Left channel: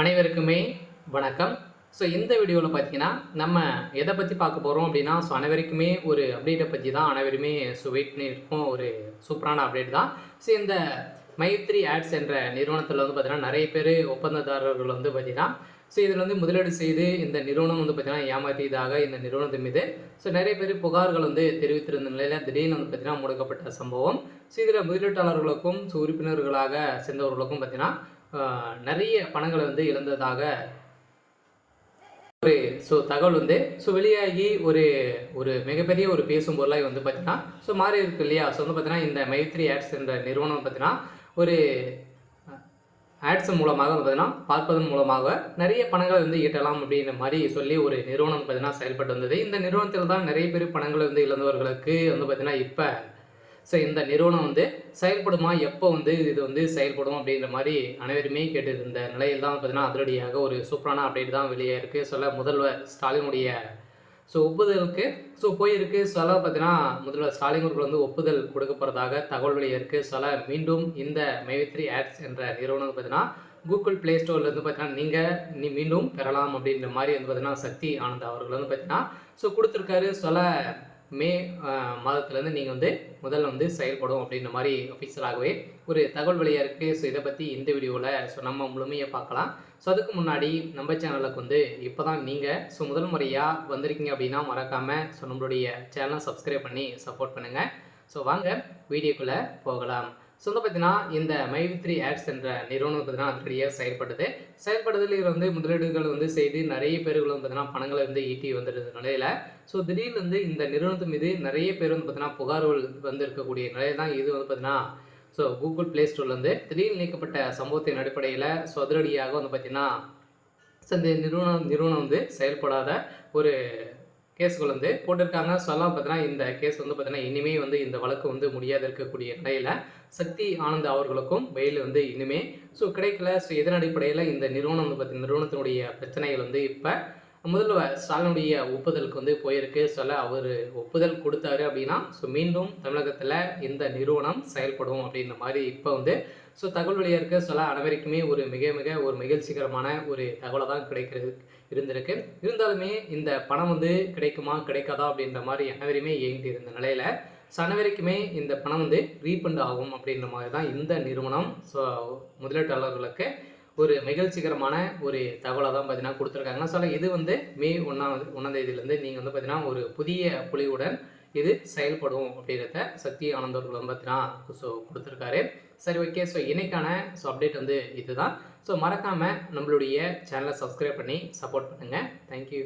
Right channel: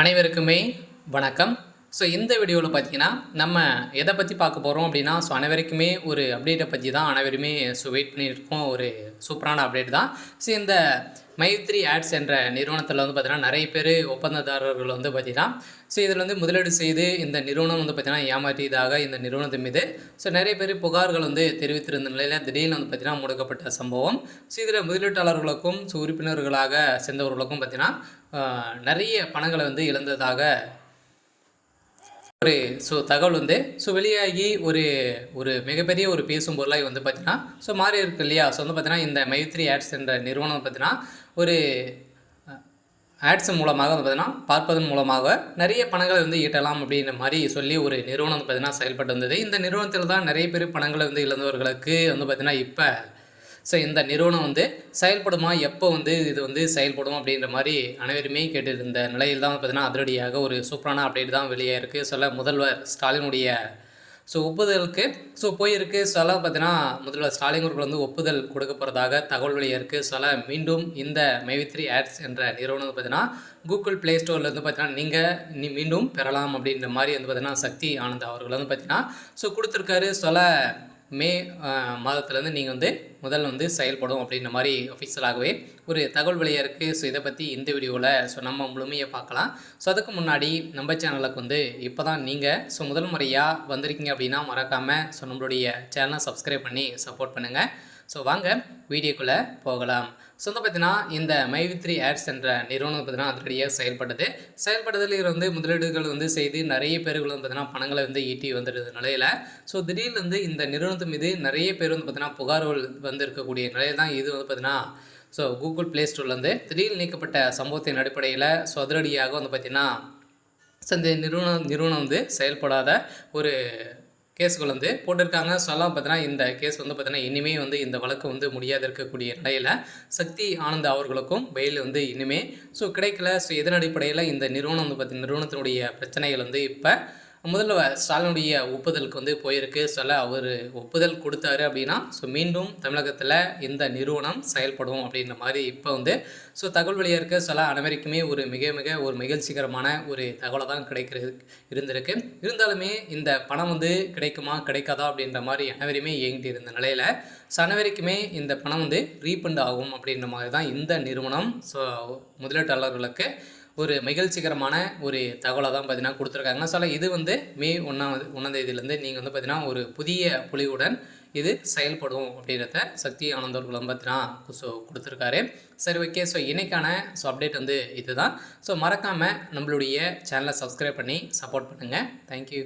அனைவருக்குமே வணக்கம். இந்த வீடியோவில் பார்த்தீங்கன்னா, நம்ம எதை பற்றி பார்க்க போகிறோம் அப்படின்னா, அனைவருக்குமே ஒரு அப்டேட்டை பற்றி தான் அனைவருமே வெயிட் பண்ணியிருக்கோம். ஒரு சூப்பரான அப்டேட் தான். இந்த மைத்ரி ஆட்ஸ் என்ற நிறுவனத்தில் வந்து பார்த்தீங்கன்னா, நிறைய பேர் ஒப்பந்ததாரர்கள் வந்து பார்த்தீங்கன்னா, இதில் வந்து முதலீடு செய்து இந்த நிறுவனம் வந்து பார்த்தீங்கன்னா, ஏமாற்றியதாக இந்த நிறுவனத்தின் மீது நிறைய பேர் புகார்கள் வந்து தெரிவித்திருந்த நிலையில் திடீர்னு வந்து பார்த்தீங்கன்னா, முடக்கப்பட்ட சம்பவம். இதில் முதலீட்டாளர்களுக்கும் உறுப்பினர்களாக சேர்ந்தவர்களுக்கும் பார்த்தீங்கன்னா, நிறைய பணங்களை வந்து இழந்ததாக ஒரு தகவல் வந்து வெளியாகி ஒரு ஒரு மிகப்பெரிய ஒரு பேசும் பொருளாக வந்து பார்த்தீங்கன்னா மாறி இருக்கு இல்லையா. வந்து பார்த்தீங்கன்னா, இந்த மைத்ரி ஆட்ஸ் என்ற நிறுவனம் பார்த்தீங்கன்னா, ஒரு ஆட்ஸ் மூலமாக வந்து பார்த்தீங்கன்னா, பார்ப்பதன் மூலமாக நிறைய பணங்களை வந்து ஈட்டலாம் அப்படின்ற மாதிரி சொல்லி ஒரு நிறுவனம் வந்து பார்த்தீங்கன்னா செயல்பட்டு வந்தது. இந்த நிறுவனத்தில் தான் நிறைய பேர் பணங்களை வந்து இழந்தவர்களுக்கு வந்து பார்த்தீங்கன்னா, இப்போ இந்த நிறுவனம் வந்து செயல்படுமா, எப்போ வந்து இது வந்து செயல்படும் அப்படின்ற மாதிரி அனைவருமே கேட்டுருந்த நிலையில் தான் பார்த்தீங்கன்னா, அதிரடியாக ஒரு சூப்பரான அப்டேட் தான் வெளியே இருக்குது. முதல்வர் ஸ்டாலினுடைய ஒப்புதலுக்கு போயிருக்கு. பார்த்தீங்கன்னா, முதல்வர் ஸ்டாலின் அவர்கள் வந்து ஒப்புதல் கொடுக்க போகிறதாக தகவல் வெளியே இருக்குது. மீண்டும் இந்த மைத்ரி ஆட்ஸ் என்ற நிறுவனம் பார்த்தீங்கன்னா, கூகுள் ப்ளே ஸ்டோரில் வந்து பார்த்தீங்கன்னா, நீங்கள் மீண்டும் பெறலாம் அப்படின்ற மாதிரி வந்து பார்த்தீங்கன்னா, சக்தி ஆனந்த் அவர்கள் வந்து பார்த்தீங்கன்னா கொடுத்துருக்காரு. மே மாதத்துலேருந்து நீங்கள் வந்து முதல்ல வந்து செயல்படும் அப்படின்ற மாதிரி அஃபிஷியலாகவே ஒரு தகவல் வெளியாக இருக்குது. இதை பற்றி இந்த வீடியோவில் நம்ம முழுமையாக பார்க்கலாம். அதுக்கு முன்னாடி நம்ம சேனலுக்கு வந்து இப்போ தான் நீங்கள் முதல் முறையாக வந்திருக்கீங்க அப்படின்னா மறக்காமல் நம்மளுடைய சேனலை சப்ஸ்கிரைப் பண்ணி சப்போர்ட் பண்ணுங்கள். வாங்க வீடியோக்குள்ளே போகலாம். வந்து பார்த்தீங்கன்னா, இந்த மைத்ரி ஆட்ஸ் என்ற நிறுவனம் பார்த்தீங்கன்னா அதிரடியாக செயல்படுதலில் வந்து முதலீடுகள் வந்து செய்து நிறைய பேர்கள் வந்து பார்த்தீங்கன்னா பணங்களை வந்து ஈட்டி வந்துருந்த நிலையில் திடீர்னு வந்து இந்த நிறுவனத்தின் மீது நிறைய பேர் வந்து பார்த்தீங்கன்னா புகார்கள் வந்து இருக்கக்கூடிய நிலையில் தான் இது வந்து பார்த்தீங்கன்னா கூகுள் ப்ளே ஸ்டோர்லேருந்து திடீர்னு நீக்கப்பட்ட சம்பவத்தின் அடிப்படையில் அதிரடியாக வந்து பார்த்தீங்கன்னா இந்த நிறுவனம் வந்து செயல்படாத ஒரு கேஸுகள் வந்து போட்டிருக்காங்க. பார்த்தீங்கன்னா, இந்த கேஸ் வந்து பார்த்தீங்கன்னா, இனிமேல் வந்து இந்த வழக்கு வந்து முடியாது இருக்கக்கூடிய நிலையில் சக்தி ஆனந்த் அவர்களுக்கும் பெயில் வந்து இனிமேல் கிடைக்கல. இதன் அடிப்படையில் இந்த நிறுவனம் வந்து பார்த்தீங்கன்னா, நிறுவனத்தினுடைய பிரச்சனைகள் வந்து இப்போ முதல்வர் ஸ்டாலினுடைய ஒப்புதலுக்கு வந்து போயிருக்கு. அவர் ஒப்புதல் கொடுத்தாரு அப்படின்னா மீண்டும் தமிழகத்தில் இந்த நிறுவனம் செயல்படும் அப்படின்ற மாதிரி இப்போ வந்து தகவல் வெளியாக இருக்க அனைவருக்குமே ஒரு மிக ஒரு மகிழ்ச்சிகரமான ஒரு தகவலை தான் இருந்திருக்கு. இருந்தாலுமே இந்த பணம் வந்து கிடைக்குமா கிடைக்காதா அப்படின்ற மாதிரி அனைவருமே இயங்கிட்டு இருந்த நிலையில் அனைவருக்குமே இந்த பணம் வந்து ரீஃபண்ட் ஆகும் அப்படின்ற மாதிரி தான் இந்த நிறுவனம் முதலீட்டாளர்களுக்கு ஒரு மகிழ்ச்சிகரமான ஒரு தகவலை தான் பார்த்தீங்கன்னா கொடுத்துருக்காங்க. இது வந்து மே 1ஆம் தேதியிலேருந்து நீங்கள் வந்து பார்த்தீங்கன்னா ஒரு புதிய பொலிவுடன் இது செயல்படும் அப்படின்றத சக்தி ஆனந்தவர்கள் வந்து பார்த்தீங்கன்னா கொடுத்துருக்காரு. ஓகே. இன்றைக்கான அப்டேட் வந்து இதுதான். மறக்காமல் நம்மளுடைய சேனலை சப்ஸ்கிரைப் பண்ணி சப்போர்ட் பண்ணுங்கள். தேங்க்யூ.